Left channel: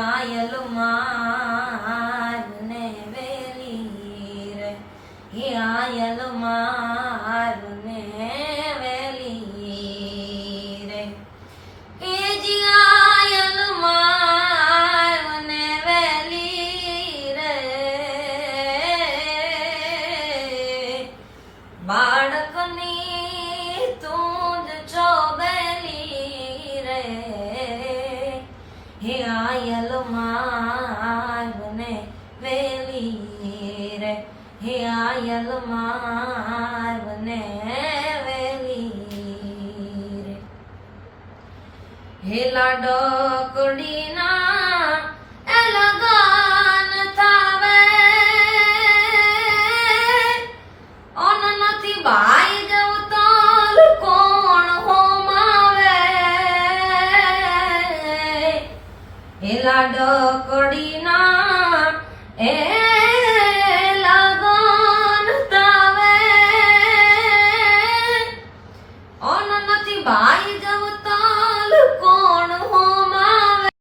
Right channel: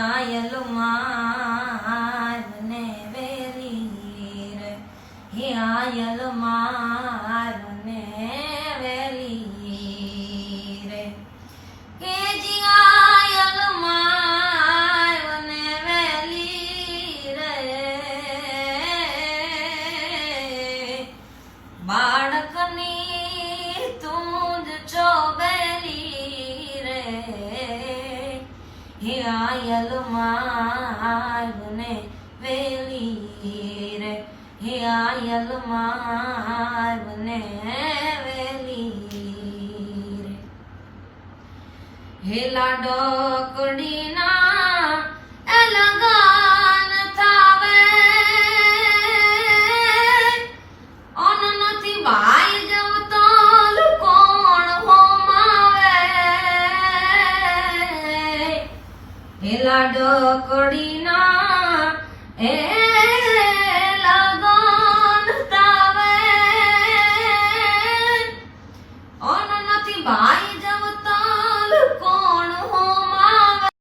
આયલ મારને વેલી રે, હે આયલ મારને વેલી રે, હે જી આયલ મારને વેલી રે, બાળકની તું જ છો બેલી રે, હે આયલ મારને વેલી રે, હે આયલ મારને વેલી રે, હે લાડકડીના એ લગન થાવે, ઓન નથી બાઈ જવું તો કોણ હોમાવે, હે લાડકડીના એ